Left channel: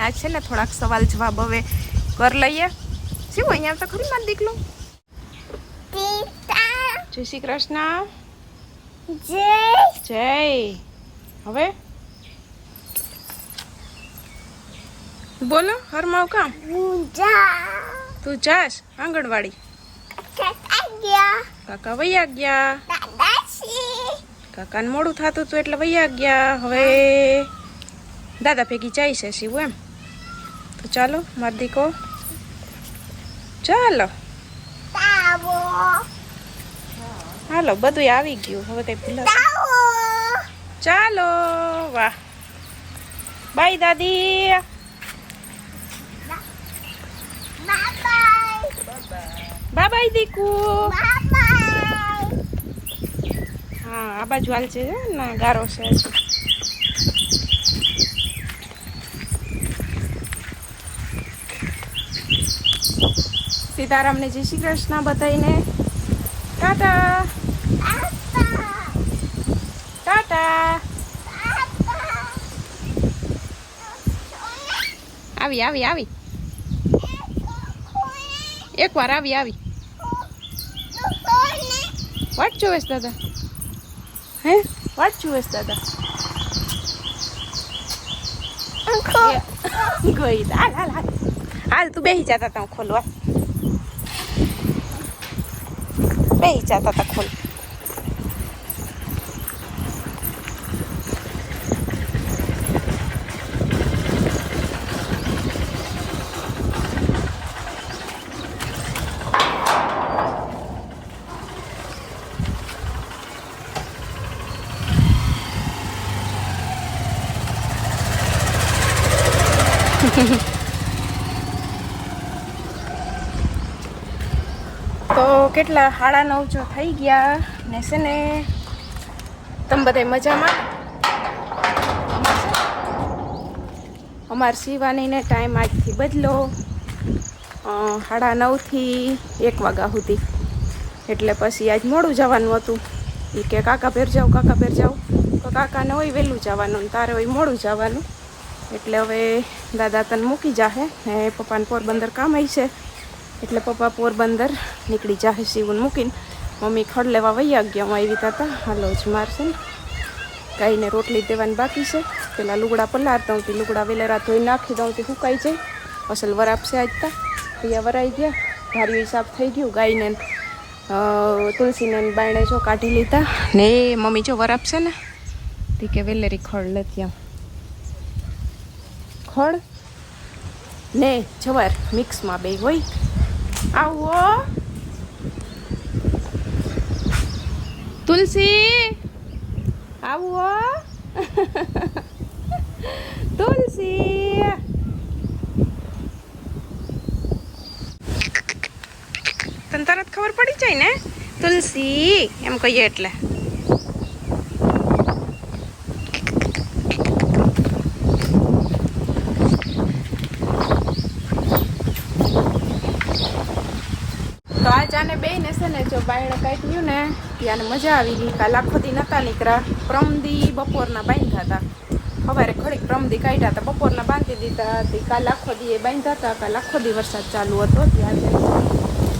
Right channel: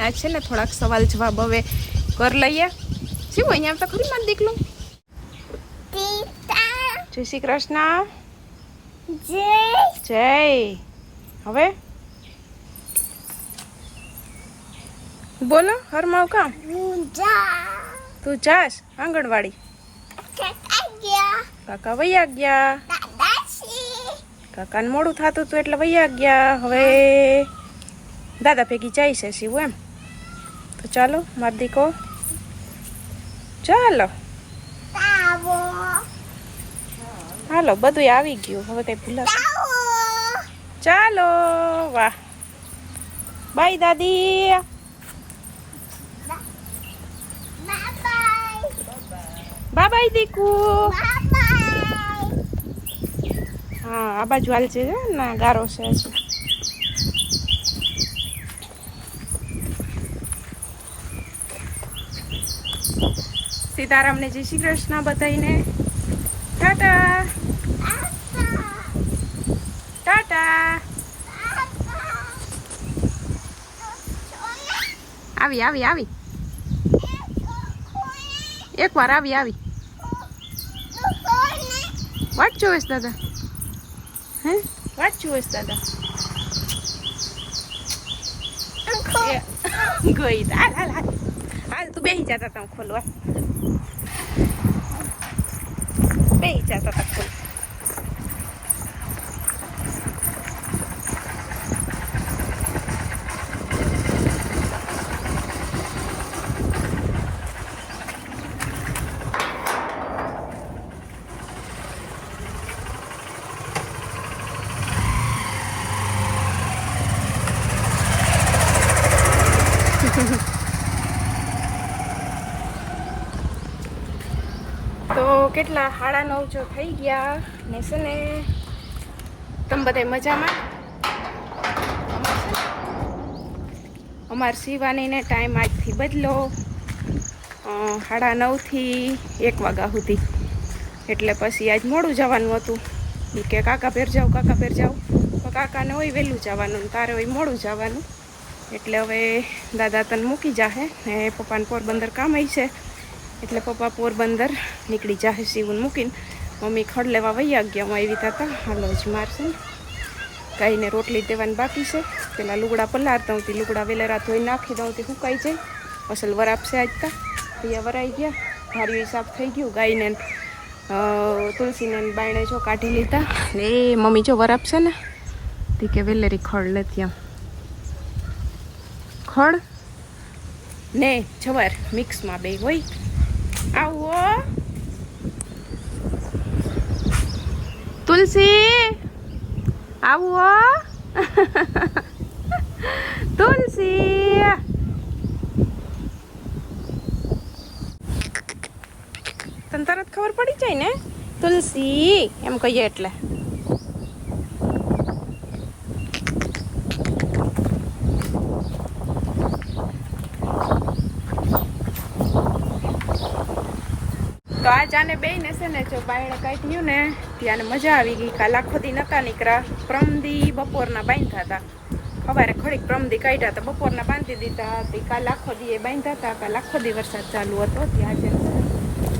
ને આજ છે ને થોડાક સવાલ જવાબ હવે કર લઈએ. શું અહીંયા તો ખરી માર દીકલું જય શ્રી કૃષ્ણ. જય. હવે? બોલો હરમાવ કામ? તું જાશ આંગણવાડી? કાકા વૈયા ગયા. કાકાને મોડું થતું હતું એટલે વૈયા ગયા. હવે? દાદા ભેગી જાય છે શિવ એમ. તો ચાલો માર દીકો. ચાલો. હાલો બધું આવી ગયું. હવે કઈ ભૂલા ચાલો વાહ. બાય દાદી. બાય દીકુ. હા આ બાજુ હાલ છે ના? ગારો છે હજી. સીતારામને જય શ્રી કૃષ્ણ બધાઈને ટાટા. ટાટા. આવી આવી આવી. એકવાર આવી આવી. વાટ જોવેશ દાદા. હે? વાટ જોવેશ દાદા. ગઈ હાલ હાલ હાલ. તું બેસી જતા તા ખોલવા બેસી જતા તા ખોલ તો કેટલા સાડા નવ જો થઈ ગયા ને છે ને તમે બધા મજામાં? અમાર સીવાનીને ટાઈમ આજથી બદલો. સાડા નવથી એક વાગ્યા સુધી. એટલે પછી આજ મોડું જવાનું હતું. કે, કાકા ભેર જાઓ, કાકા ભેર જાઓ. તો કાકાને હોય વહેલું જવાનું ને તારે હોય મોડું જવાનું. એટલે હવે દાદા તને મૂકી જાહે ને પપ્પાને પોરબંદર કામ આવી છે એટલે પપ્પા પોરબંદર નીકળી જાહે શિવન મૂકીને. મમ્મી ખડ લેવા વૈયા ગયા, હું આવી હતા. હાલો, જ મારશે ને. ગાયને રોટલી દેવાની બાકી છે. પેલા લુગડા પલારતા હું લુગડા વેલેરા ધોઈ નાખી દઉં તે, સુકાઈ જાય. અસલ વરાપશે આજતા તા. વરાઈ ગયા ધાર્યું હિસાબ થઈ ગયું. ગાયને તુલસીને બાયણે જો કાઢી લીધા. ને એ મમ્મી જો વરાપશે ને, તી કે વેલેરી ખડ લેતી આમ ખડ? ને, જવાર, મિક્સમાં બે હોય. આવો. તુલસી આવો. તુલસી. તને તરત ખબર પડી જાય ને? તુલસી એમ કહીએ એટલે. તો આ ચાને બેને છે ને જો બાયણે કાઢ્યું ને, ત્યાંને મજા આવી ગઈ. કાલ આખો દી નતા નીકળ્યા. પ્રમદી બપોરના બાંધ્યા હતા. સવારે ખડીક પ્રમદી કાઢ્યા હતા, બપોરના બાંધી દીધા હતી. કાલ આખો દી એ બાંધ્યા હતા, કાલ આખો દી વરસાદ ચાલુ હતો. ત્યાં આજે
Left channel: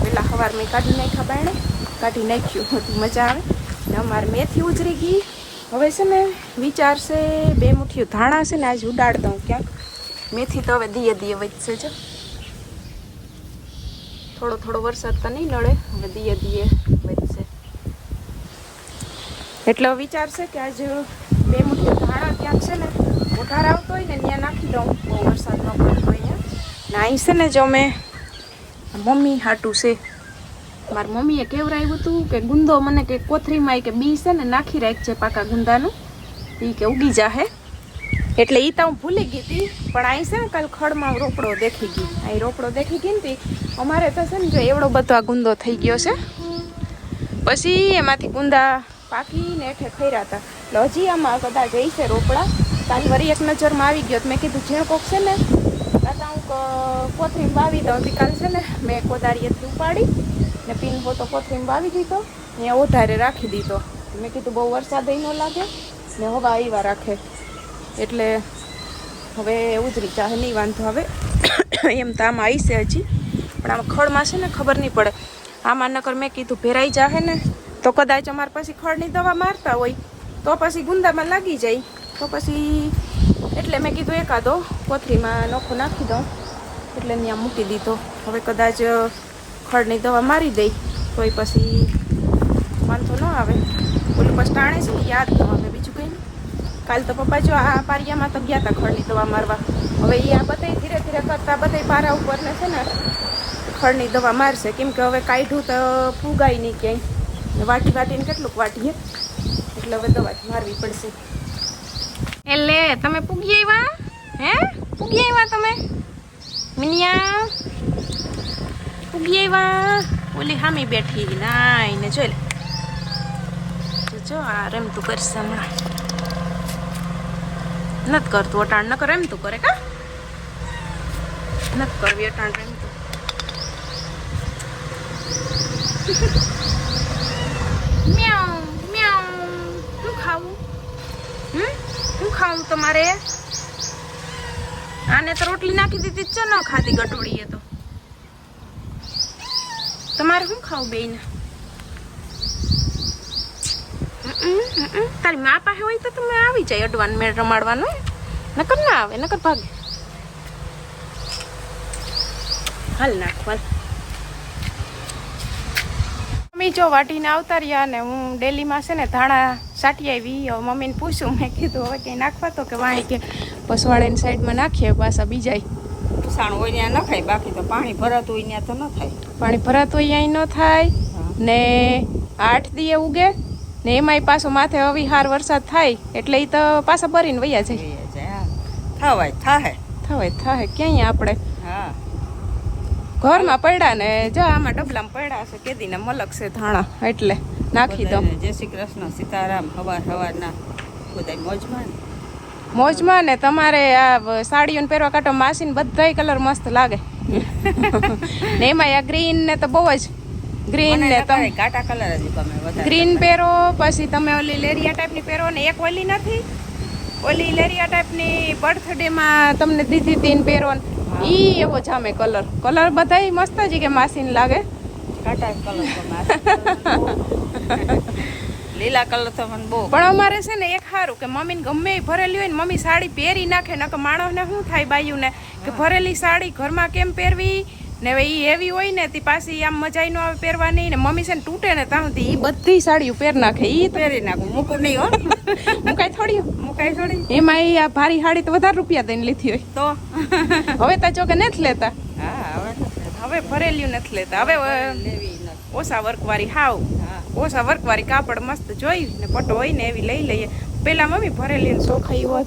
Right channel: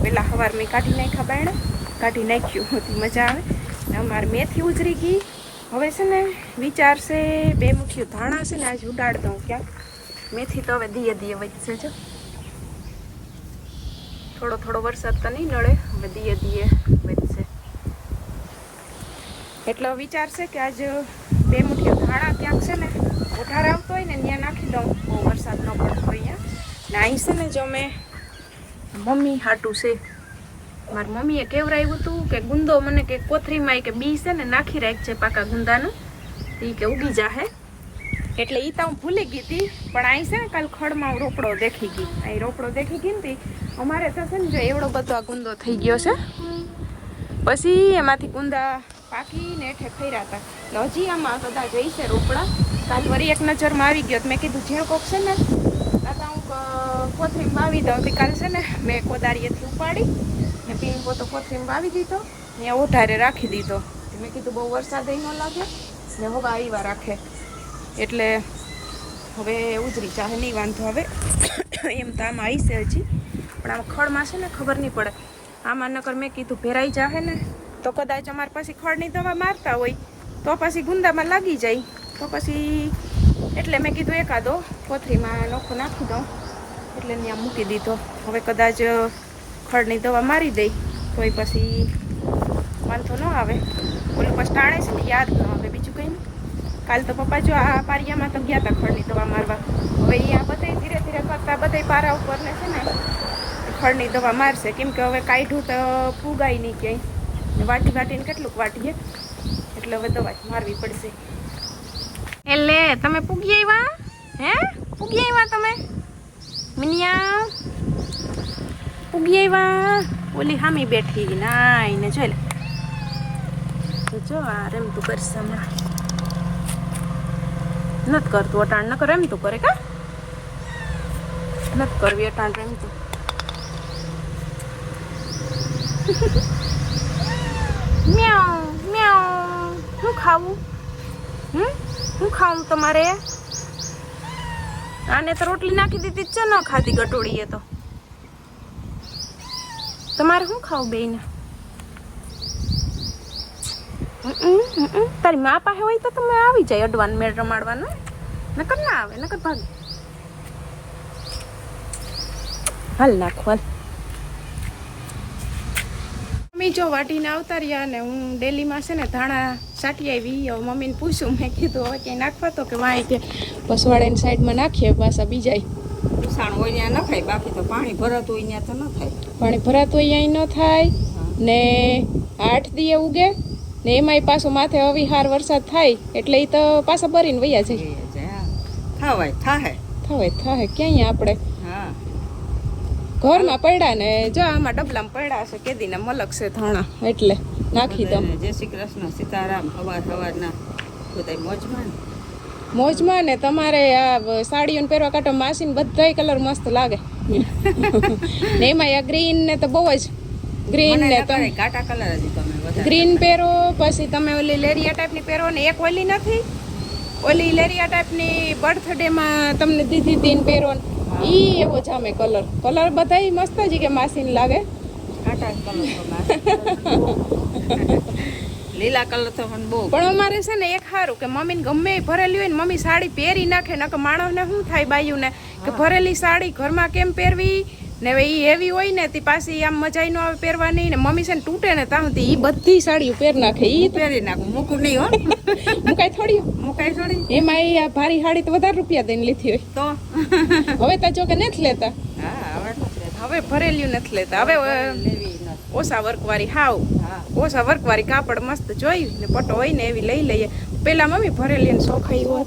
પેલા સવાર મેં કાઢી નાખ્યા બાયણે. કાઢી નાખ્યું, હતી મજા આવે. ને અમારે મેથી ઉજરી ગઈ. હવે છે ને વિચારશે બે મુઠ્ઠીયું ધાણા છે ને, આજે ઉડાડતા હું ક્યાંક. મેથી તો હવે દીએ દીએ વધશે, જો. થોડો થોડો વરસાદ તો નહીં નડે, હવે દીએ ધીએ વધશે. એટલે વિચાર છે કે આજ બે મુઠ્ઠી ધાણા ક્યાંક છે ને ઉધાર આવતો હોય ને, ત્યાં નાખી દઉં. બહુ વરસાદ ન પડતો અહીંયા ને અહીં છે ને જો મેં મમ્મી હાટું છે. મારી મમ્મીએ કેવરાયું હતું કે ગુંદો મને કે કોથરીમાં કે બી છે ને, નાખી રાખજે પાકા ગુંદાનું. એ કે ઉગી જાહે. એટલે એ તો હું ભૂલી ગઈ હતી, પણ અહીં છે ને કાલ ખડમાં રોપડો દેખી ગઈ. અહીં રોપડો દેખી ગઈ ને અમારે તો છે ને જો એવડો બધો આ ગુંદો થઈ ગયો છે. પછી એમાંથી ગુંદા પાકીને થઈ રહ્યા હતા એટલે હજી આમાં કદાચ જઈ છે રોપડા. કાલ વળી એક નજરમાં આવી ગયો મેં કીધું જે કોક છે ને, કાકા હું કોથરીમ વાવી દઉં. હતી કાલ છે ને મેં કોદારીએથી ઉપાડી ને પીન પોતો કોથરીમ વાવી દીધો ને વધારે રાખી દીધો. મેં કીધું બહુ વરસાદ ન લાગે ને હવા આવ્યા રાખે. એટલે હવે ઉજરી ચાહે નહીં વાંધો હવે એમ તો આમાં આવી છે હજી. પણ આમાં ખડમાં છે ને ખબર નહીં પડે. આમાં નકર મેં કીધું ભેરાઈ જાહે ને, તો કદાચ અમારે પછી ખડની દવા મારતા હોય, તો પછી ગુંદામાં લાગી જાય. તો પછી એટલે મેં કીધું એકાદો, કોથળીમાં નોખો નાખી દઉં. એટલે ત્યાં મૂકી દીધો. હવે કદાચ ખડની દવા મારી દઈ તો એ પછી વાંધો ન આવે. ઓલું પછી ટાણે છે ને, યાદ ન આવે. બીજું કંઈ નહીં. કાલ તો પપ્પા જો આ પારિયામાં તો ગયા હતા ખડની દવા મારવા. હવે એ આ બધા ધીરે ધીરે કરતા બધા પારા ઉપર ને છે ને ખડની દવા મારશે. કેમ કે હવે કાઢ્યું તો ફૂગાય નહીં ક્યાંય. વાટી વાટીને કેટલુંક વાટીએ એટલે હવે દવા મારવી પડશે. એટલે તમે પૂગી આવ્યા? હે? પૂગી આવ્યા તમે? મિનિયા? પૂગી આવ્યા? ઓલી હામી બેઠી નાઈને જોઈ લે. જો આ રમતું કરશે હમણાં. નથી કરતું, અટાણ ન કરે એમ તું કરે કા? નથી કરવી અટાણ રમતું મ્યાઉ મ્યાઉ. શું ખાવું? હમ? શું ખાવું તમારે? આને તો રોટલી નાખી દીધી છે, ન ખાતી ગટોળીએ તો. તમારે શું ખાવું બેન તારી મા પાસે હોય તો તમે આવી જાય અડવાન મેળ રમાડવાનું નકર ના આવે નકર ભાગે. હાલ નાખો હાલ. મમ્મી જો વાટીને આવતા રહ્યા ને હું ડેલીમાં છે ને ધાણા સાટી આવી. હવે મમ્મીને પૂછ્યું મેં કીધું હવે ક્યાંય નાખવા તો કે વાંય કે પસવાડાની સાઈડમાં નાખીએ પાછા બીજાય. ઉસાણ હોય ત્યાં નખાય બાકી તો પાણી ભરાતું હોય ત્યાં તો ન થાય. પાણી ભરાતું અહીંયા ન થાય. ને આઠ દીએ ઉગે. ને એમાંય પાછો માથે અવિહાર વરસાદ થાય એટલે એ તો પાછા ભરીને વૈયા જાય. થવાય થાહે. થવાય થાહે ક્યાંય આપણે? હા. ઘરમાં પડ્યા ને જો આમાં ડબલામાં પડ્યા છે કેદીના મલક છે ધાણા એટલે નાખી દઉં. જય શ્રી કૃષ્ણ સીતારામ હવાર હવારના બધા મોજમાં ને. મોજમાં ને તમારે આ સાડીઓને પહેરવા કાંટો માસીને બધાય કલર મસ્ત લાગે. ને એમાં આ ગ્રીન ને તો બહુ જ ગ્રીન ને તમે એ ઘાટા કલર જ તમે વધારે ગ્રીન પહેરો પછી તમે ઓલી લેરિયા ટાઈપની પહેરો ને એક ઓલી નથી? ઓલી લેરિયા ટાઈપની બર્થડે માં તમને દીધી હતી ને પહેરો ઈ એવો જામે કલર કલર બધાય મસ્ત જ કે માસીને લાગે. ઘાટા કલર. લીલા કલર તો મને બહુ પણ અમારે છે ને એક સારું કે મમ્મીને ગમે એ ભરેલી હોય ને મમ્મી સાડી પહેરી નાખે નકર માણસને શું થાય બાયુને? કે ભરેલી સાડી ઘરમાં કેમ પહેરવી? ને હવે ઈ એવી હોય ને તે પાછી આમ મજા નો આવે પહેરવાની ને મમ્મી છે ને તૂટે ને ત્યાં સુધી ઈ બધી સાડીઓ પહેર નાખે. ઈ પહેરી નાખું. મૂકું નહીં હો. મુકાય થોડી. મુકાય થોડી. એમાં ઈ આ ભારી સાડી તો વધારે રૂપિયા દઈને લીધી હોય. તો? હવે તો જો કે નથી લેતા. હા હવે ભરેલ્યું નથી લેતા. હવે ઓછા વર્કવાળી હાવ. હા. ઓછા વર્કવાળી કાપડ મસ્ત જોઈ ને પટો હોય ને એવી લઈ લઈએ. પેલા મમ્મી ભરેલી ને સોખાઈ હોય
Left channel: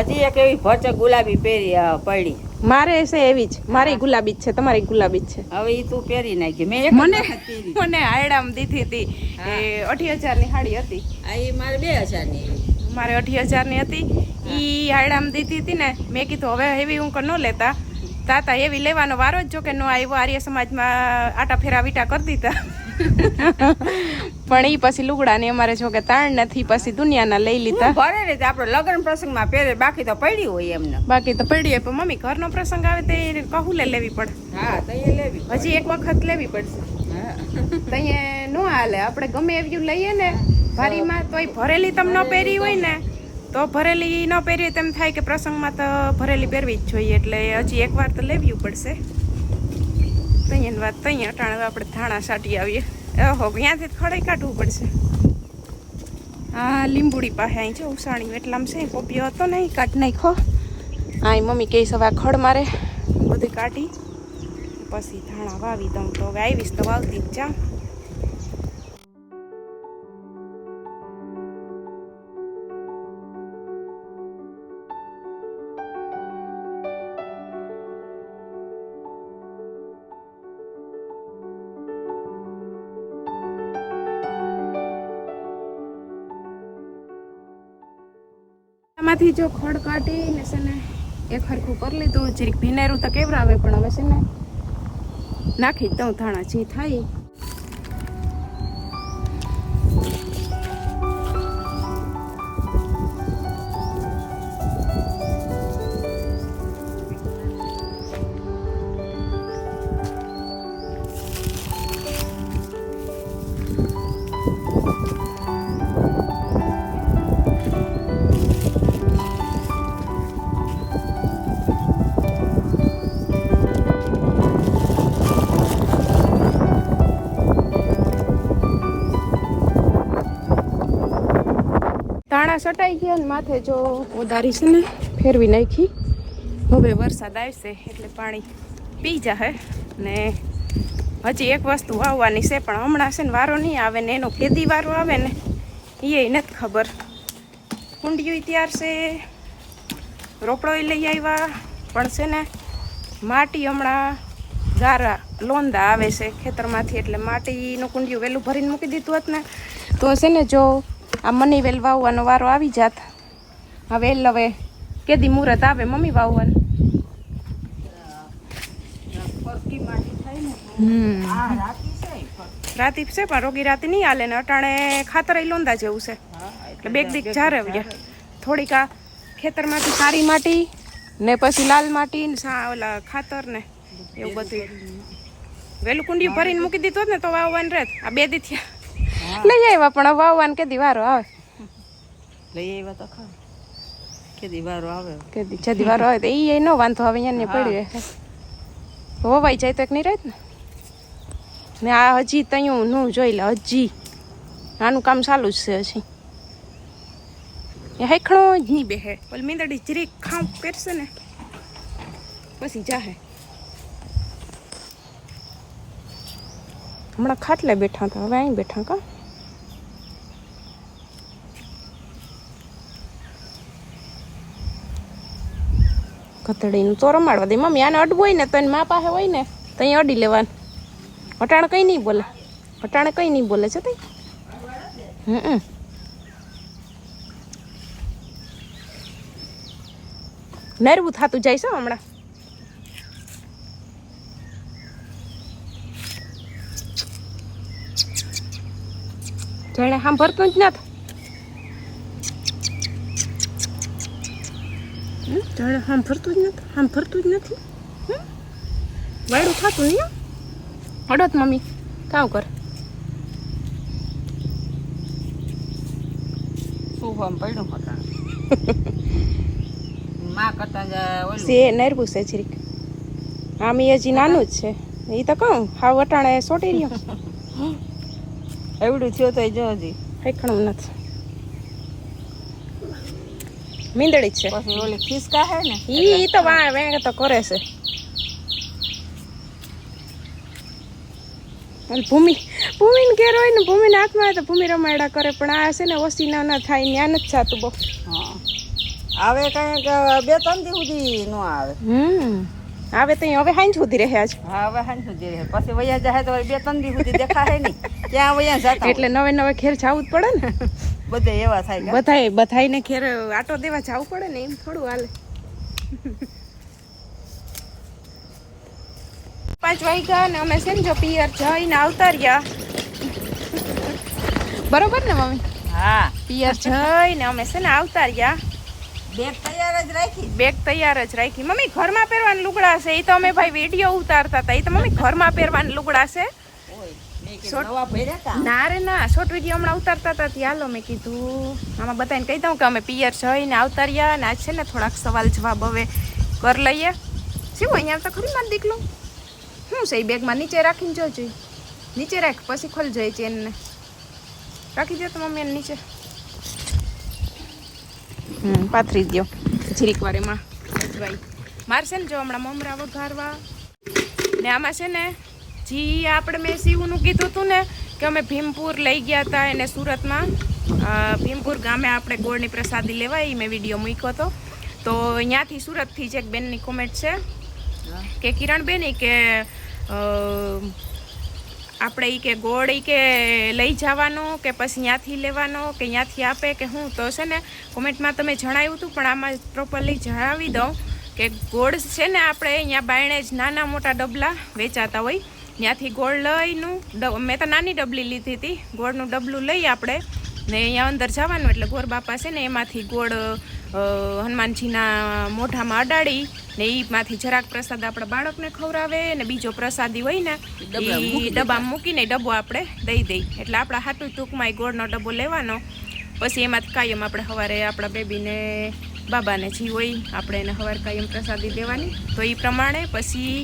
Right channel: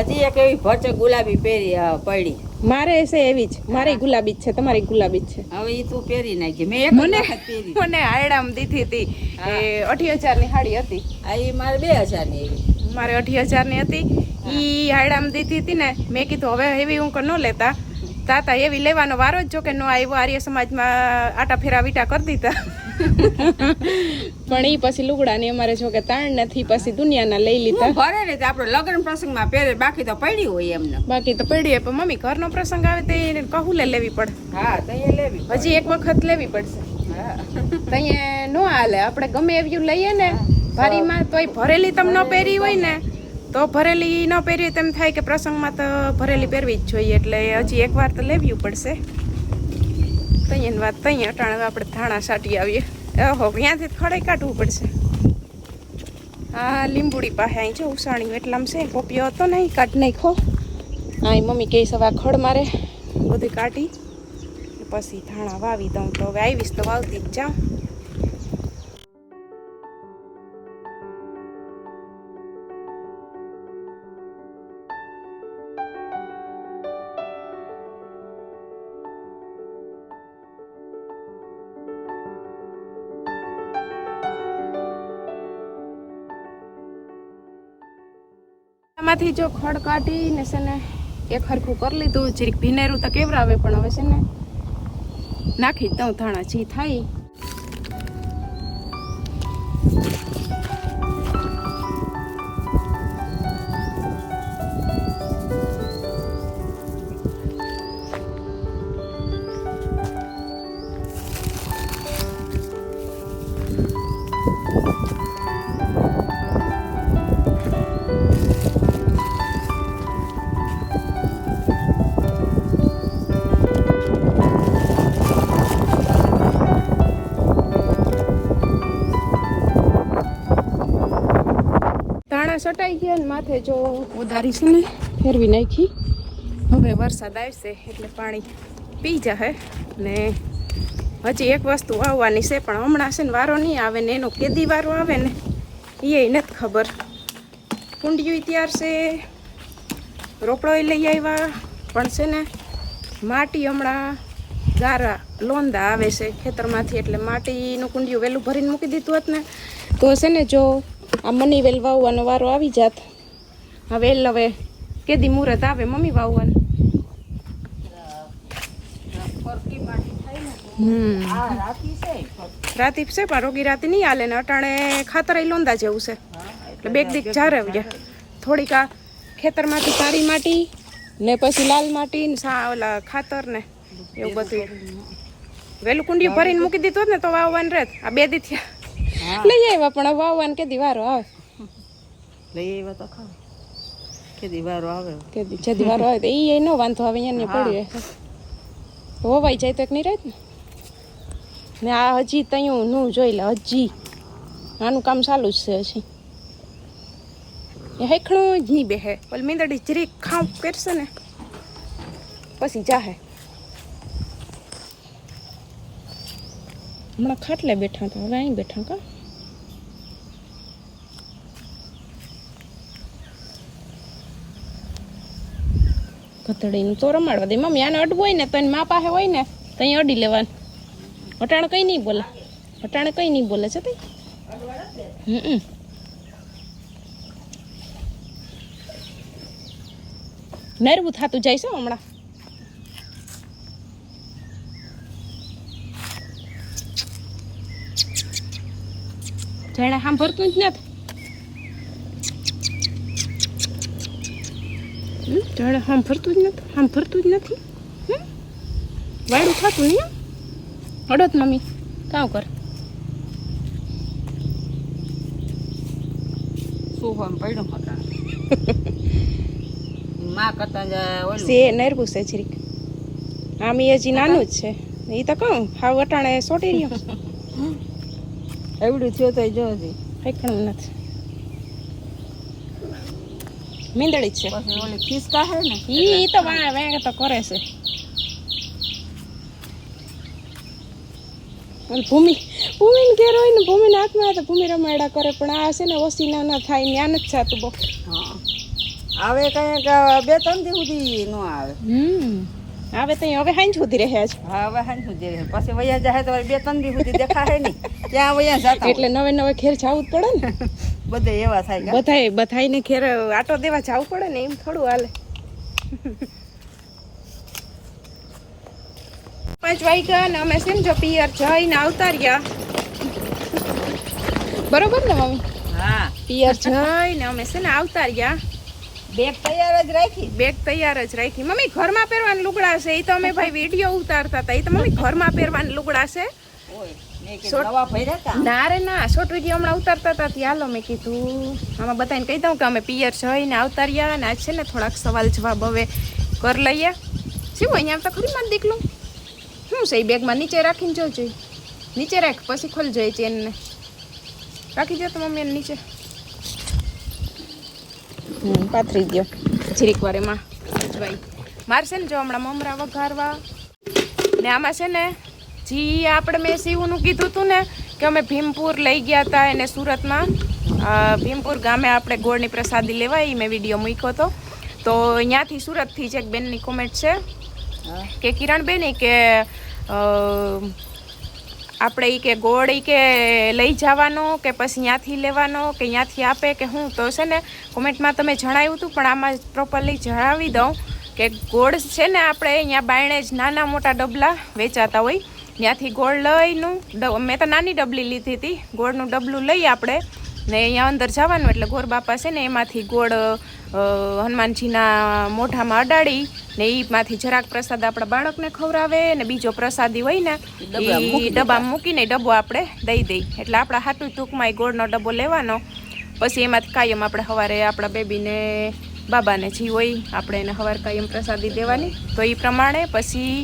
હજી એક એવી ભરચક ગુલાબી પહેરી પડી. મારે છે એવી જ. મારી ગુલાબી જ છે તમારી ગુલાબી જ છે. હવે એ તું પહેરી નાખી મેં એક મને મને હાયડામ દીધી હતી એ અઢી હજારની સાડી હતી. આ એ મારે બે હજારની એવી. મારે અઢી હજારની હતી ઈ હાયડામ દીધી હતી ને મેં કીધું હવે એવી હું ન લેતા. તાતા એવી લેવાનો વારો જ જો કે નો આવ્યો. આર્ય સમાજમાં આટા ફેરા વીટા કરી દીધા. પણ એ પછી લુગડા ને અમારે જો કે તાણ નથી પછી દુનિયાના લઈ લીધા. ઘરે ભરે ને આપણે લગ્ન પ્રસંગમાં પહેરે બાકી તો પડી હોય એમને બાકી તો પડ્યું પણ મમ્મી ઘરનો પ્રસંગ આવે તો એને કહુલે લેવી પડે. હા તો એ લેવી પડે. હજી એક વખત લેવી પડશે. હા. તો અહીંયા નો હાલે આપણે ગમે એવી લઈએ ને ભારીમાં તોય ભરેલી તમ ન પહેરી હોય ને તો ભરેલી ન પહેરી હોય તેમ થાય કે પ્રસંગમાં તો ભરેલી પહેરવી જ જોઈએ એટલે હજી એકવાર તો લેવી પડશે. તૈયાની વાત તૈયાર અટાણે આપણે ધાણા સાટી આવીએ. ઓહો, ત્યાંથી ખડાઈ કાઢવું પડશે. હા લીંબુડી પાસે અહીં છે, ઉસાણી એટલામાં છે, પોપિયો હતો ને કાઢ નાખો હા મમ્મી કહે સવા ખડ મારે બધી કાઢી, પછી ધાણા વાવી દઉં તો હવે આવીશ તો વાવતી જ જાઉં. આમાંથી જો ખડ કાઢીને છે ને એક હરખું કરી લીધું, જરીક ભીનેરું તો કેવરાવે, પણ હવે છે ને નાખી દઉં ધાણા, જી થાય હમણાં સટાઈ ગયા ને માથે જો ઓદારી છે ને, ફેરવી નાખી. હવે વરસાદ આવશે એટલે પાણી પી જાહે. ને હજી એક વસ્તુ વાવવાની છે, પણ હમણાં છે ને વારો નહીં આવે ને એનો કેદી વારો આવે ને એ નથી ખબર. કુંડિયું ત્યાર છે, રોપડોય લઈ આવ્યા, પણ છે ને માટી હમણાં ગારા લોંદા આવે છે ખેતરમાંથી, એટલે માટીનું કુંડિયું વહેલું ભરીને મૂકી દીધું હોત ને, તો છે ને જો આ મની વેલ વાવવાનો વારો આવી જાત. આ વેલ હવે કેદી મુહૂર્ત આવે મમ્મી વાવવાનું. ફરકી થાય ને હમ. રાતી છે પણ રોગી રાતી નહીં હાલે ને અટાણે ખાતર લોંદા જેવું છે. એટલે બેગ દીક જારવ્યા થોડીક આ ખેતરમાંથી સારી માટી ને પછી લાલ માટી ને ઓલા ખાતર ને એવું બધું વેલું કુંડિયું ભરીને મૂકી દીધું ને તો વાવવાનું રહેત આ બે દી થયા. લઈ આવ્યા પણ વાવવાનું કેદી વારો આવે? લઈ આવ્યા તો ખા કે વારો આવે. કેદી જદી વારો આવે તો એ નો વાંધો આવે અહીંયા. પડી રહે. હોવાઈ જાય તો એક નહીં રહે ને? ને આ હજી તયું નું જોઈ લે હજી. આનું કામ ચાલુ જ છે હજી. એ હેખણો જ નહીં બેહે. ઓલી મીંદડી જરીક ખાવ કરશે ને? પછી જાહે. હમણાં ખાટલે બેઠા હતા, હવે અહીં બેઠા કા? કતડીનું તો રમાડવા દે. મમ્મી, આને અડવું હોય ને, તો એની મા પાસે હોય ને, તો અહીં અડી લેવાનું. અટાણે કંઈ નહીં બોલે. અટાણે કંઈ નહીં બોલે છે તે. હમ નરવું થતું જાય છે હમણાં. જાણે સાંભળતું જ નથી. જાણે સાંભળતું જ નથી સાંભળતું જ નથી. હમ? વાયડું થતું નહીં હડત મમ્મી કામ કર શું પડ્યું માં કરતા નરવું છે જીરીક આમ હજી નાનું જ છે. એ તો કહું હાવ વટાણે સોટી રહ્યો એવડું થયું તો જો હજી. કંઈ નથી. મીંદડી છે. પછી ઓલી ખિસકા હે ને ઈ તો વાણ વેંગ તો કરે છે. ભૂમિ ભૂમિ ભૂમિને ઘેર હોય ને ભૂમિને હાથમાં આવે તો ભૂમિ રમાયડા કરે પણ આ છે ને ઓછી ના ના થાય ને નથી થતું બહુ. હા. આવે કંઈક બે ત્રણ દી સુધી નો આવે. હમ. આવે તો હવે હાંજ સુધી રહ્યા છે. હા હવે હાં સુધી રહે પછી વયા જાય તો બે ત્રણ દી સુધી દેખાય નહીં. ક્યાં વયા જતા એટલે નવે નવે ખેર જવું જ પડે ને? બધે એવા થાય. બધાય બધાયને ખેર આટો દેવા જવું પડે ને એમ થોડું હાલે. પાંચ વાગ્યા ને અમે છે ને જો પિયર જઈને આવતા રહ્યા. બરોબર ને મમ્મી? હા. પિયર જઈને અમે છે ને આવતા રહ્યા. બેગ તૈયાર જ રાખી. બેગ તૈયાર જ રાખી. મમ્મી ઘરમાં પહેરવાના લુગડા છે? એ તો અમે ભાઈ વીડિયો ઉતારતા હતા. એ તો મમ્મી ઘરમાં પહેરવાના લુગડા છે? તા. ના રે ના. શોર્ટ વીડિયો હમણાં ઉતારતા હતા ત્યાં હાલો મેં કીધું. આમાં બધાને કહી દઉં કે અમે પિયર જઈને આવતા રહ્યા અને આજ છે ને થોડાક સવાલ જવાબ હવે કર લઈએ. શું અહીંયા આવતા ખરી માર દીકલું શું છે એ બેગમાં નીચે રાખીને જોજો? નીચે રાખ પછી ખોલજો એ ચેનને. રાખી દો તો મમ્મી નીચે. હમ પાથરી દો જીરીક વાર એમાં. ભાઈ મારે છે ને જો હમણાં મમરા વઘારવા. ને આમાં છે ને જી આપણે મેં શિવનું કીધું હતું ને કે અમે ભીમપુર લઈ ગયા હતા એને સુરતમાં. ભીમપુર ગામે આપણે ગોળની પ્રસાદી લેવા એ મેં વીડિયો મૂક્યો હતો તો અહીંયાથી સુરતથી જ એક બેનની કોમેન્ટ છે. કે કિરણબેન કે આપણે એ કે ગોળ એ કે લઈ જવાનો કે પછી ત્યાંથી લેવાનો કે ત્યાંથી આપે કે હું, તો છે ને કોમેન્ટમાં તમે જણાવ્યું હતું, પણ આમાં પ્રોપરલી જણાવી દઉં કે ગોળ છે ને આપણે અહીંયા બાયણે જ નાના મોટા ડબલા વેચાતા હોય. ત્યાંથી ગોળ લઈનું મેં તો નાની ડબલી લીધી હતી. ગોળનું ડબલું લઈ આપણે ને અહીંયા અંદર જવાનું, એટલે ગોર બાપા છે ને એમાંથી ગોળ હનુમાનજીના મોઢામાં અડાડી ને એમાંથી જરાક પ્રસાદ આપણા બાળકને ખવડાવે ને બીજો પ્રસાદી હોય ને ડબ્બામાં ડબ્બામાં મૂકીને ડબ્બો આપણે દઈ દઈ એટલે આપણા હાથું ટૂંકમાં એ ગોળનો ડબ્બો લેવાનો. પછી એમાંથી કાયમ આપણે સવારે આપણા બેબીને બાબાને જી હોય આપણે એને સવાર કાયમ પ્રસાદી દેવાની. તો એ પ્રમાણે પછી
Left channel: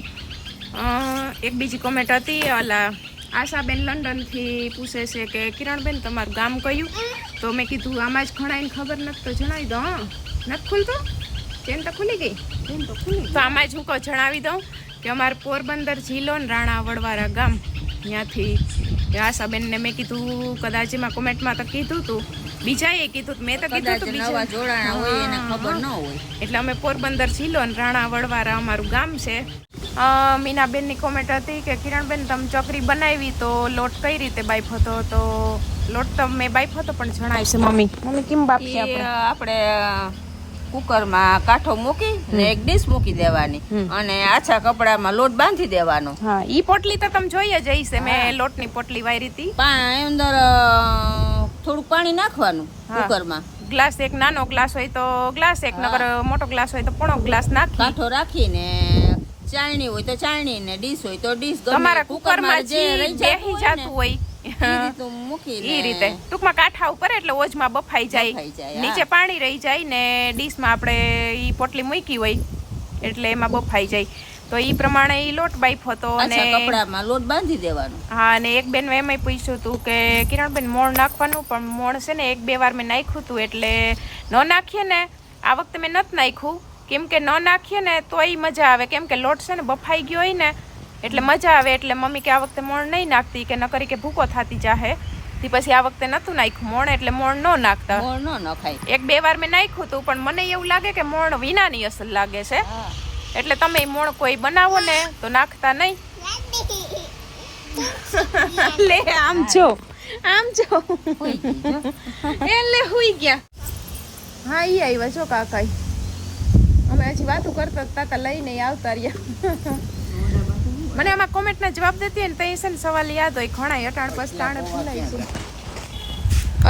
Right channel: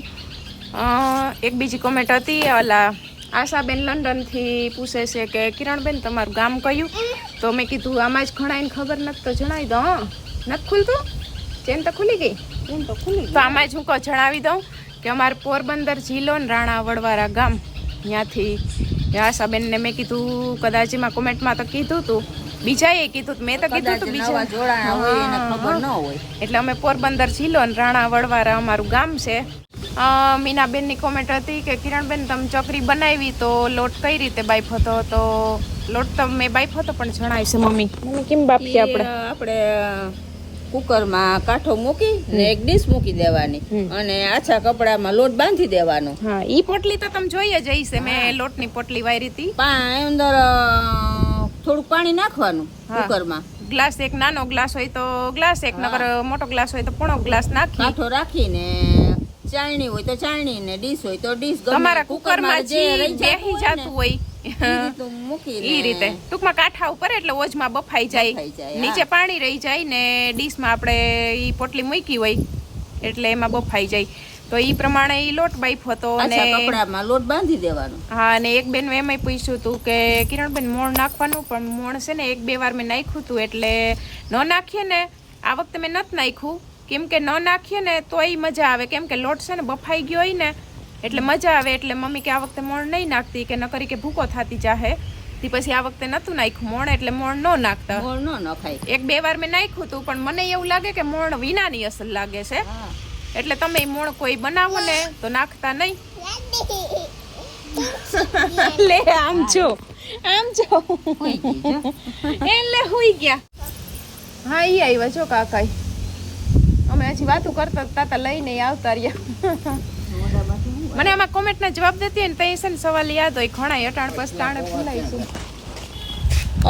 એક બીજી કોમેન્ટ હતી ઓલા આશાબેન લંડનથી પૂછે છે કે કિરણબેન તમારું ગામ કયું? તો મેં કીધું આમાં જ ઘણાઈને ખબર નથી તો જણાવી દઉં હં. નથી ખુલતું? ચેન તો ખુલી ગઈ. ચેન તો ખુલી તો આમાં જ હું કહું જણાવી દઉં કે અમારે પોરબંદર જિલ્લો ને રાણા વડવારા ગામ ત્યાંથી આશાબેનને મેં કીધું કદાચ એમાં કોમેન્ટમાં તો કીધું હતું બીજાએ કીધું. મેં તો કીધું હતું બીજા જોડાણા હોય એને ખબર ન હોય. એટલે અમે પોરબંદર જિલ્લો અને રાણા વડવારા અમારું ગામ છે. મીનાબેનની કોમેન્ટ હતી કે કિરણબેન તમે ચકરી બનાવી તો લોટ કઈ રીતે બાઈફ હતો? તો લોટ તો મેં બાઈફ હતો પણ જણાવીશ મમ્મી. મમ્મી કેમ બાફીએ આપણે? આપણે કુકરમાં કાઠો મૂકી ને એક ડીશ મૂકી દેવાની. અને આછા કપડામાં લોટ બાંધી દેવાનો. હા ઈ પોટલી તો તમે જોઈએ જ હશે મેં લોટની પોટલી વાયરી હતી. પણ અંદર થોડુંક પાણી નાખવાનું કુકરમાં. ગ્લાસ એક નાનો ગ્લાસ હોય તો ગ્લાસ એક નગર મોટો ગ્લાસ હોય તો પોણો ગ્લાસ નાખી. કાઠો રાખીને ચાળણી હોય તો ચાળણી ને ડીશ હોય તો ડીશ. તમારા કુકરમાં જે રહી જતું હોય ઈ રીતે ટૂંકમાં કાંઠા ઉપર એટલે ઓજમાં બફાઈ જાય. બફાઈ જાય, નીચે પાણી રહી જાય ને ડીશમાં આપણે ઈ પોટલી મૂકી હોય એટલે એમાં બફાઈ જાય. તો ઈ પ્રમાણે ઈ લોટ બાઈફ હતો અને કપડામાં લોટ બાંધી દેવાનો. હા અને એક બેન એમ પૂછ્યું હતું કે કિરણબેન મોણ નાખવાનું? પણ મોણ છે ને એક બે વાર મેં નાખ્યું હતું એટલે ન નાખીએ ને આ વખતે મેં નથી નાખ્યું. કેમ કે ન નાખીએ ને તોય મજા આવે. કેમ કે લોટ છે ને બફાઈ ગયો હોય ને એટલે મજા આવે. એટલે મમ્મી કે આ વખતે મોણ નહીં નાખતી કે ન કરી કે ભૂકો થતી જાહે. થી પછી આ વખતે નતું નાખ્યું મોણ એટલે મોણ ન નાખતા. મોણ ન નખાય. એક બે વાર મેં નાખ્યું હતું પણ મને એવું લાગે કે મોણ વિનાની અસર લાગે છે. એટલે તમે મોણ કોઈ બનાવો ને તો નાખતા નહીં. લે આમ જો આમ જો. ગઈ એટલે હુઈ ગયા. હા એ આવ્યા જો કાકા અમે હજી વાતો કરતા હતા તા લઈને આવતા રહ્યા. મને આમાં કોમેન્ટના જવાબ દેતી ને તઈ છે ને સવાલ યાદ હોય. ઘણા અટાણ પછી તાણે ભૂલાય છે.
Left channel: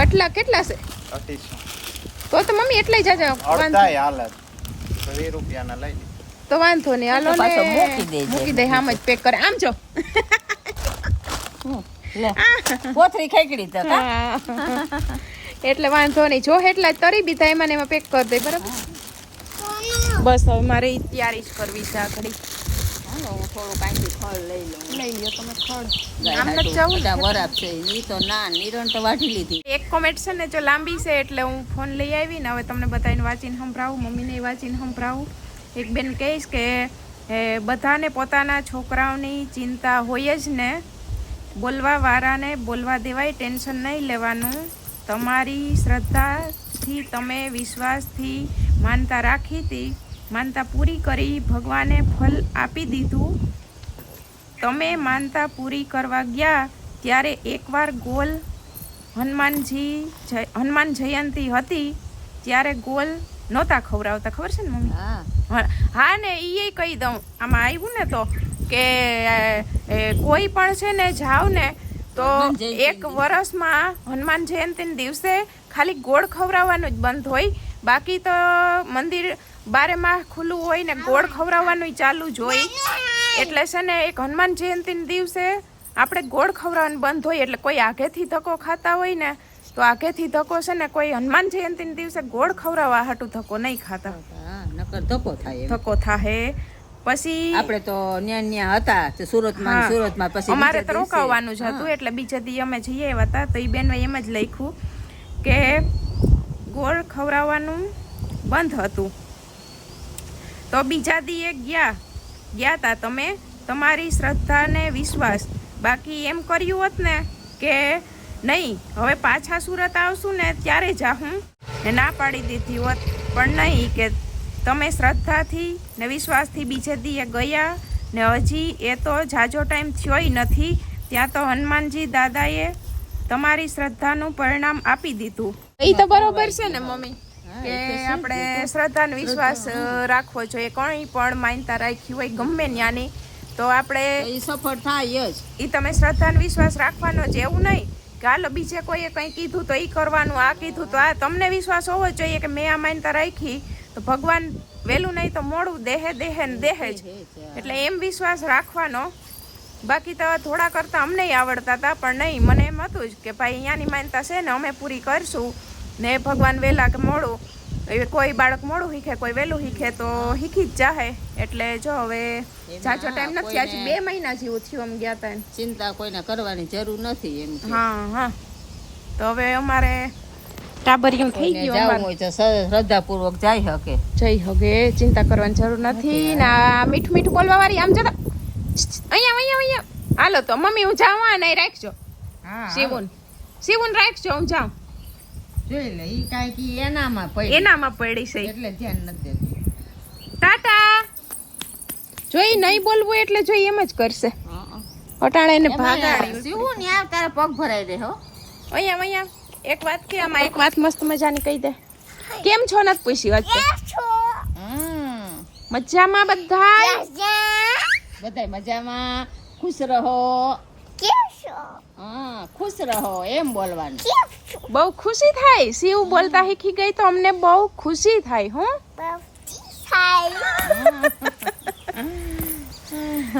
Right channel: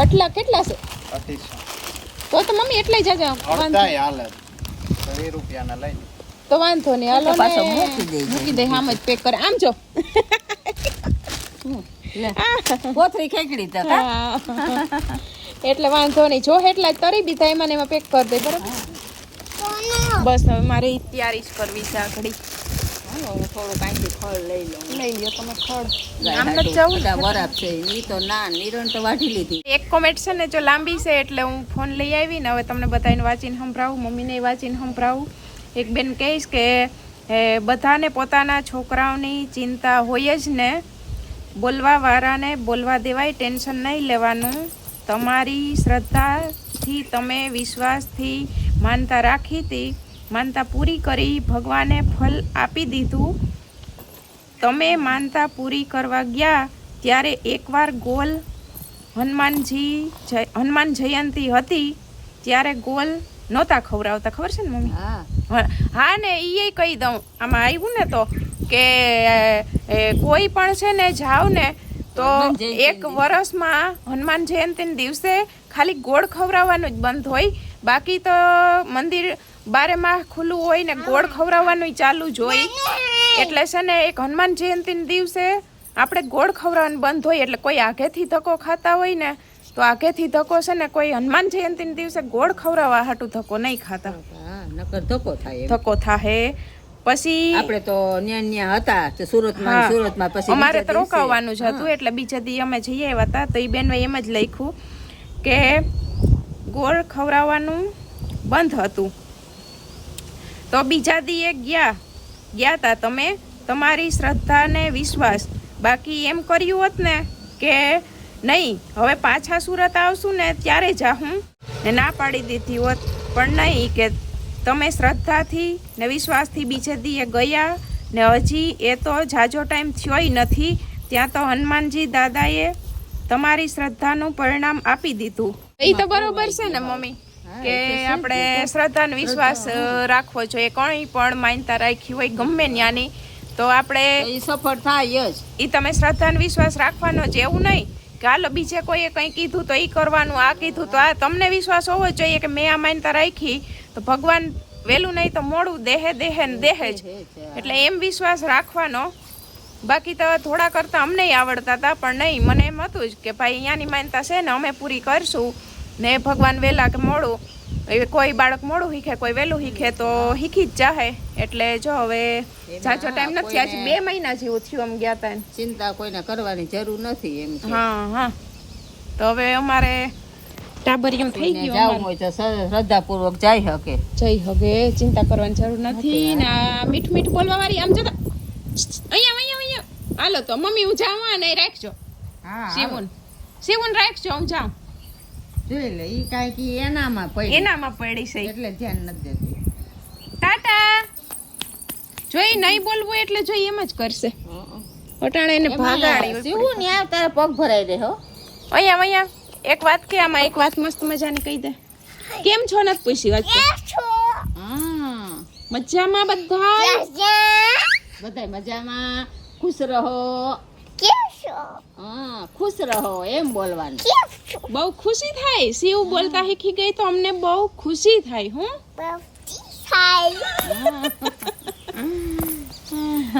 અટલા કેટલા છે? તો તો મમ્મી એટલા જ જાજા રૂપિયાના લઈ તો વાંધો નહીં. હાલો ને મૂકી દે આમ જ પેક કરે. આમ જો. હમ, ખેકડી તા એટલે વાંધો નહીં. જો એટલા જ તરી બી થાય એમાં ને એમાં પેક કરી દે બરાબર? બસ હવે મારે તૈયારી જ કરવી છે આખડી ઘડી. હાલો, હું થોડુંક અહીંથી ફળ લઈ લઉં. લઈ લ્યો તમે ખડ આમ જવું બધા વરાપ છે એ તો ના નિરણ તો વાઢી લીધી. એક કોમેન્ટ છે ને જો લાંબી છે એટલે હું ફોન લઈ આવી ને હવે તમને બધાને વાંચીને સંભળાવું મમ્મીને વાંચીને સંભળાવું. એક બેન કહીશ કે એ, બધાને પોતાના છોકરાઓની ચિંતા હોય જ ને બોલવા વાળાને બોલવા દેવાય ટેન્શન નહીં લેવાનું. તમારી શ્રદ્ધાથી તમે વિશ્વાસથી માનતા રાખી હતી માનતા પૂરી કરી ભગવાને ફલ આપી દીધું. તમે માનતા પૂરી કરવા ગયા ત્યારે એકવાર ગોલ હનુમાનજી હનુમાન જયંતી હતી ત્યારે ગોલ નહોતા ખવડાવતા. ખબર છે ને મમ્મી? હા. ને એ કહી દઉં. આમાં આવ્યું ને તો કે કોઈ પણ છે ને જાવ ને તો એક વર્ષમાં હનુમાન જયંતિના દિવસે ખાલી ગોળ ખવડાવવાનું જ બંધ હોય. બાકી તો મંદિર બારે માહ ખુલ્લું હોય ને ગોળ ખવડાવવાનું ચાલુ જ હોય. એટલે છે ને એક હનુમાન જયંતિના દિવસે આપણે ગોળ ખવડાવવાનું બંધ હોય એટલે કોઈ આગેથી ધક્કો ખાતા હોય ને તો આગેથી ધક્કો છે ને કોઈ હનુમાન જયંતિના દિવસે ગોળ ખવડાવવા હાટું ધક્કો નહીં ખાતા. નકર ધક્કો થાય. ધક્કો થાય પછી આપણે તો ન્યા ન્યા હતા સુરતમાં સુરતમાં પછી અમારે તો રોકાવાનું જ હતું એટલે બીજા દી અમે જઈએ આવ્યા હતા તો એ બેન એમ જ લખ્યું કે ગોળ ખવડાવવાનું બંધ હતું. તો બીજા દીએ ગયા. ગયા હતા તમે? તમારી શ્રદ્ધા ને વિશ્વાસ. બાકી એમ કર્યું હોત ને કે નહીં, હવે પાછા સુરત આવશું ને ત્યારે જા હું ને ના પાડી દીધી હોત, પણ નહીં કે તમે શ્રદ્ધાથી ને વિશ્વાસથી બીજે દીએ ગયા ને હજી એ તો જાજો ટાઈમ થયોય નથી, ત્યાં તો હનુમાનજી દાદાએ તમારી શ્રદ્ધાનું પરિણામ આપી દીધું. એ તો બરોબર છે ને, મમ્મી. કે. આપણે શ્રદ્ધા અને વિશ્વાસ રાખવો જોઈએ. કોઈ પણ માનતા રાખી હોય ગમે ત્યાંની તો આપણે સફળ થાય જ. એ તમે શ્રદ્ધા અને વિશ્વાસ રાખવાનો જ એવું નહીં કે હાલો બીજે કોઈએ કંઈ કીધું તો એ કરવાનું આ કીધું તો આ. તમને વિશ્વાસ હોવો જોઈએ કે મેં આ માનતા રાખી તો ભગવાન વહેલું નહીં તો મોડું દેહે દેહે ને દેહે જ. એટલે એમ વિશ્વાસ રાખવાનો. બાકી તો થોડા કરતાં અમને આવડતા હતા પણ નહીં. મને એમ હતું જ કે ભાઈ અહીંયાની માનતા છે ને અમે પૂરી કરશું. ને ભગવાન વહેલા કે મોડું હવે કોઈ બાળક મોડું શીખે કોઈ વહેલું શીખે તો શીખી જ જાહે. એટલે જો હવે જાજો ટાઈમ નથી આજે બે મહિના જેવું થયું આમ ગયા હતા ચિંતા કોઈને કરવાની જરૂર નથી એમ હા હા. તો હવે અમારે ટાબરિયું થઈ ગયું જવું હોય તો શ્રદ્ધાપૂર્વક જઈ શકે જઈ શકે ચિંતા કરવાની જરૂર નથી. ને મીઠું મીઠું બોલવા વાળી આમ જતા અહીંયા અહીંયા અહીંયા. હાલો તો મમ્મી હું જાઉં ને રાખજો. શિવન. શિવન રાખજો હું જાઉં. જોઈ લે ઈ કાંઈક ઈ એનામાં પડી. એનામાં પડી છે. એટલે ધ્યાન નથી દેતી. તાતા! જોઈ નહીં બોલવું એટલે જોઈ એમ જ કરશે. અટાણે એને ભાગાડી. શિવું ને આવ તારે પગ ભરાઈ દે હો? અહીંયા અહીંયા. એક વાત કે આમાં એક વાત મસ્ત મજાની કહી દે. કેમ છો? નથી પૂછી વાત. હમ. મજામાં બધા બધા મજામાં. ખુશ રહો. હા ખુશ રહો એમ બોલવાનું. બહુ ખુશી થાય? શિવ બોલતા શીખી ગઈ તો અમને બહુ ખુશી થાય હું?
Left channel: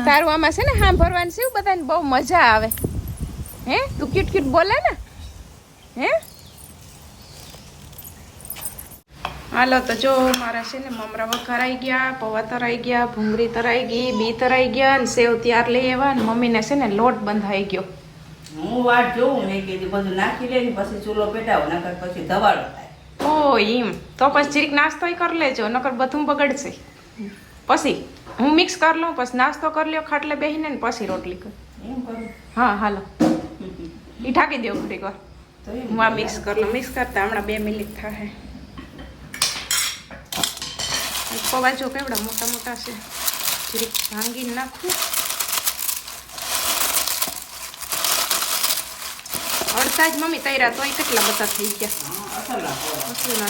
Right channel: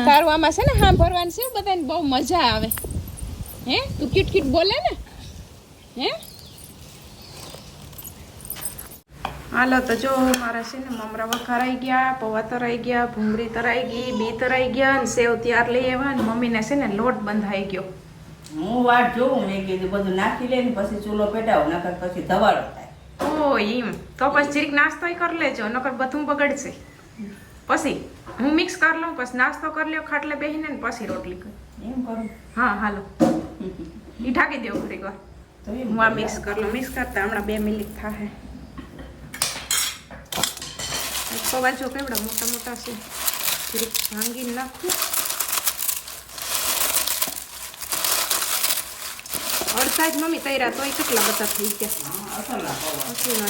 તારું આમાં છે ને સાંભળવાની શિવ? બધાને બહુ મજા આવે. હે? તું ક્યુટ ક્યુટ બોલે ને? હે? હાલો તો જો મારા છે ને મમરા વઘારાઈ ગયા પૌવા તરાઈ ગયા ભૂંગળી તરાઈ ગઈ બી તરાઈ ગયા અને સેવ ત્યાર લઈ આવ્યા અને મમ્મીને છે ને લોટ બંધાઈ ગયો. હું વાટ જોઉં મેં કીધું બધું નાખી લે ને પછી ચૂલો પેટાવો નકર પછી ધવાડો થાય. ઓ એમ તો પછી જરીક નાસ્તો કરી લેજો નકર બધું બગડશે. પછી હું મિક્સ કરી લઉં પછી નાસ્તો કરી લ્યો ખાટલે બેસીને ને પછી રોટલી કર. એમ કરું? હા હાલો. એ ઢાંકી દેવું ઘડીક વાર. હું આ મિક્સ કરી લઉં. મિક્સ કરતા હમણાં બે મિનિટ થાય પવા જો કેવડા મોટા મોટા છે. જરીક ભાંગી નાખું. અડધા જ મમ્મી તૈરા તોય કેટલા બધા થઈ ગયા. ના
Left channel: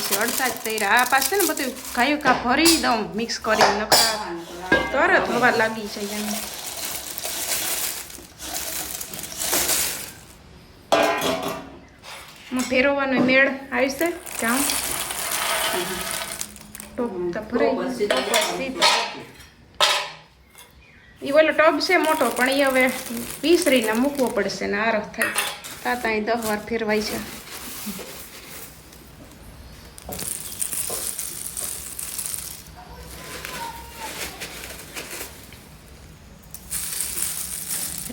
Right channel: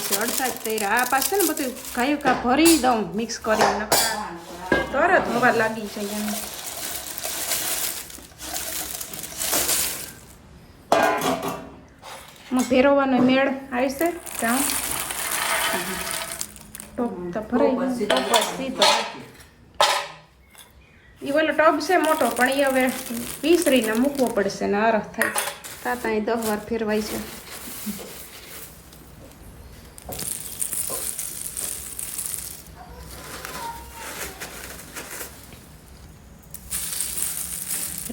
નથી અડધા જ તૈરા આ પાસે ને બધું ગાયું કા ભરી દઉં મિક્સ કરીને, નકરા તરત હવા લાગી જાય એમ. માં મેળ આવશે જાઉં. ટોપ તો ભરાઈ એ ઓલો ટબ છે મોટો, પણ એ હવે વિસરીને મૂકવો પડશે ને આરખ થાય. તાતા અહીં દહ વાર ફેરવાય છે.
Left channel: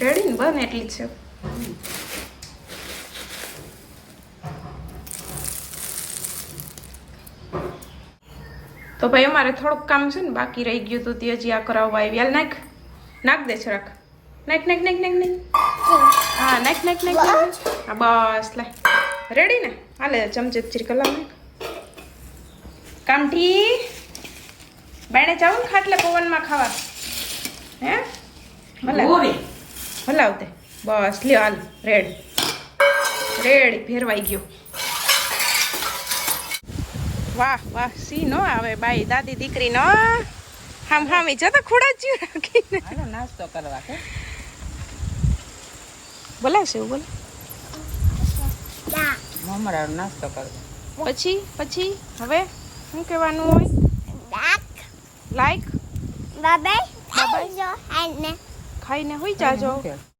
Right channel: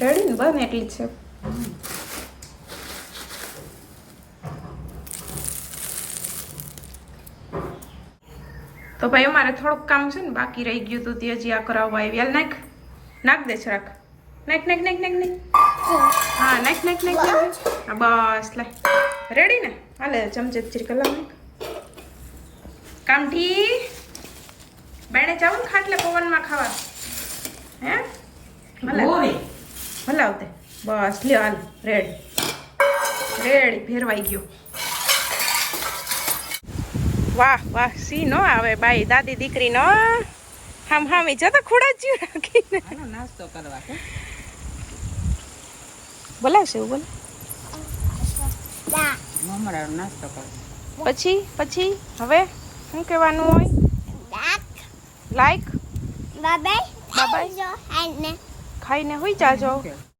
રેડી ને બને એટલી જ છે. તો ભાઈ અમારે થોડુંક કામ છે ને બાકી રહી ગયું હતું તે હજી આ કરાવવા આવી હાલ નાખ. નાખ દે છે રાખ. નાખ નાખ નાખ નાખ નાખ. હા નાખ નાખ નાખ નાખ. હા બસ લે. રેડી ને? હાલે ચમચે ચીરકલા નાખ. કામઠી બાણે જાવું ને ખાટલે પવનમાં ખાવા. હે? ભલે. ભલાવતે બસ લ્યો હાલ રેડ રેડ ફેરવાઈ ગયો. વાહ વાહ સી નો આવે બાઈ? દાદી દીકરી નો? હામ હામી જતા ખોડા જ રાખીને. નાસ્તો કરવા બોલાવશે એવું બોલે? પછી પછી? હવે શું કહેવાનું હોય? લાઈક બાબાઈ ખાઈને હોઈ જાજો.